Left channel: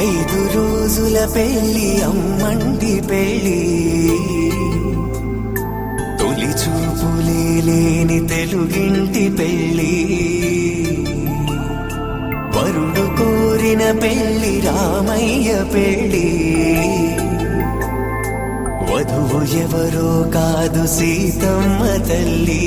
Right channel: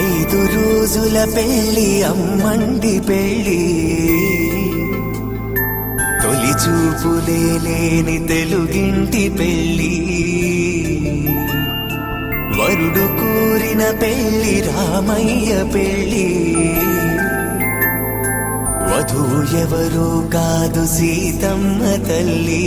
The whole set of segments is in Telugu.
ఐదు రోజుల పెళ్లి అమ్మండి పెళ్లి, తొలి చూపులే లేని తెలుగింటి పెళ్లి, వరుడు కోరిన పెళ్లి రామయ్య పెళ్లి, వధువు ఎవరో కాదు సీతమ్మ తల్లి.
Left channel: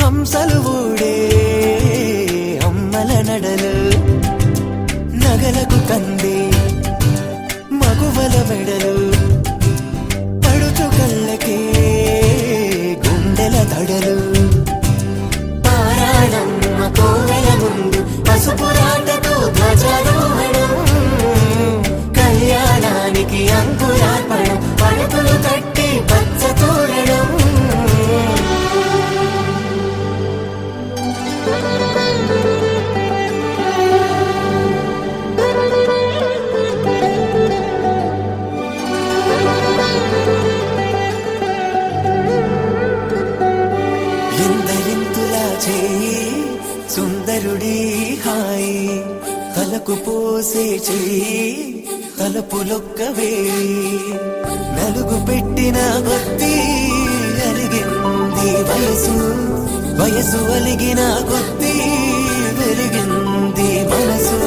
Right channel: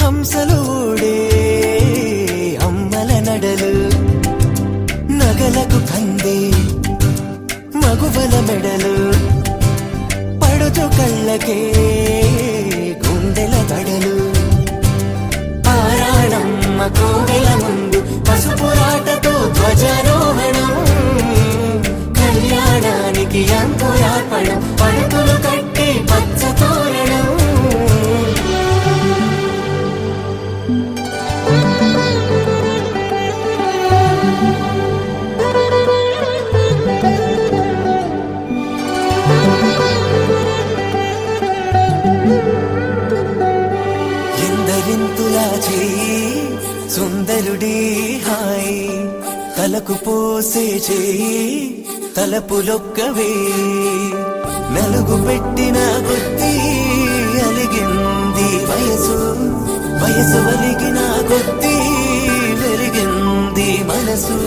హంసలు ఊడే అమ్మల నడలు, నగలకు కందే మగువల మెడలు, పడుతు కళ్ళకే గుండెల బడలు, ఆరాడమ్మ కోవెల ముందు పసుపు రాతతో ధ్వజారోహణం, కళ్యాణానికి అంకురార్పణం, పడకలు కట్టి పచ్చ తోరణం. సుందరుడి హాయ్ తలకు పోసే చేయి తలపులొక్కవే, నలుగు పెట్టిన కొద్దీ అలిగింది వయసు, వయసు ఒరిగిన కొద్దీ వెలిగింది మనసు.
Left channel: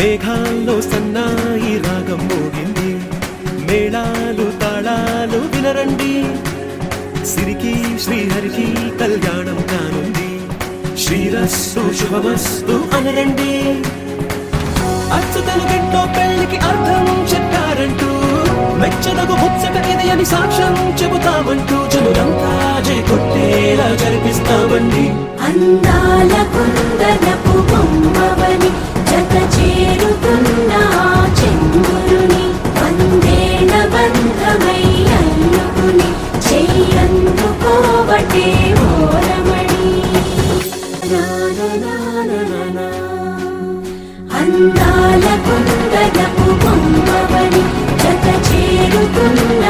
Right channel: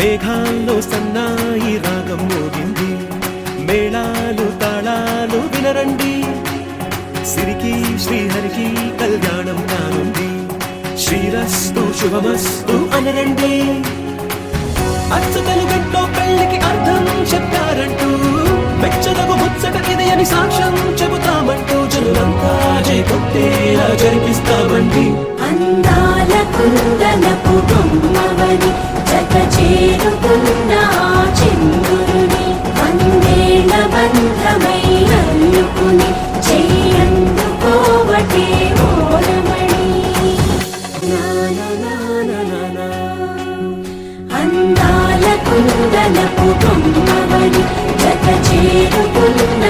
మేఘాల్లో సన్నాయి రాగం మోగింది, మేళాలు తాళాలు వినరండి, సిరికి శ్రీహరికి కళ్యాణం కానుంది, శ్రీరస్తు శుభమస్తు అనరండి. అచ్చతలు గంటో పెళ్లికి అర్థం చెప్పారంటూ, మెచ్చదగు ముచ్చట ఇది అని సాక్ష్యం చెబుతామంటూ, జనులంతా జై కొట్టేలా జరిపిస్తామండి. అందాల కుందనపు బొమ్మవని జత చేరుకున్న చంద్రుని, వందేళ్ల బంధమై అల్లుకుని చెయ్యందుకోవటే ఓరమణి. అందాల కుందనపు బొమ్మవని జత చేరుకున్న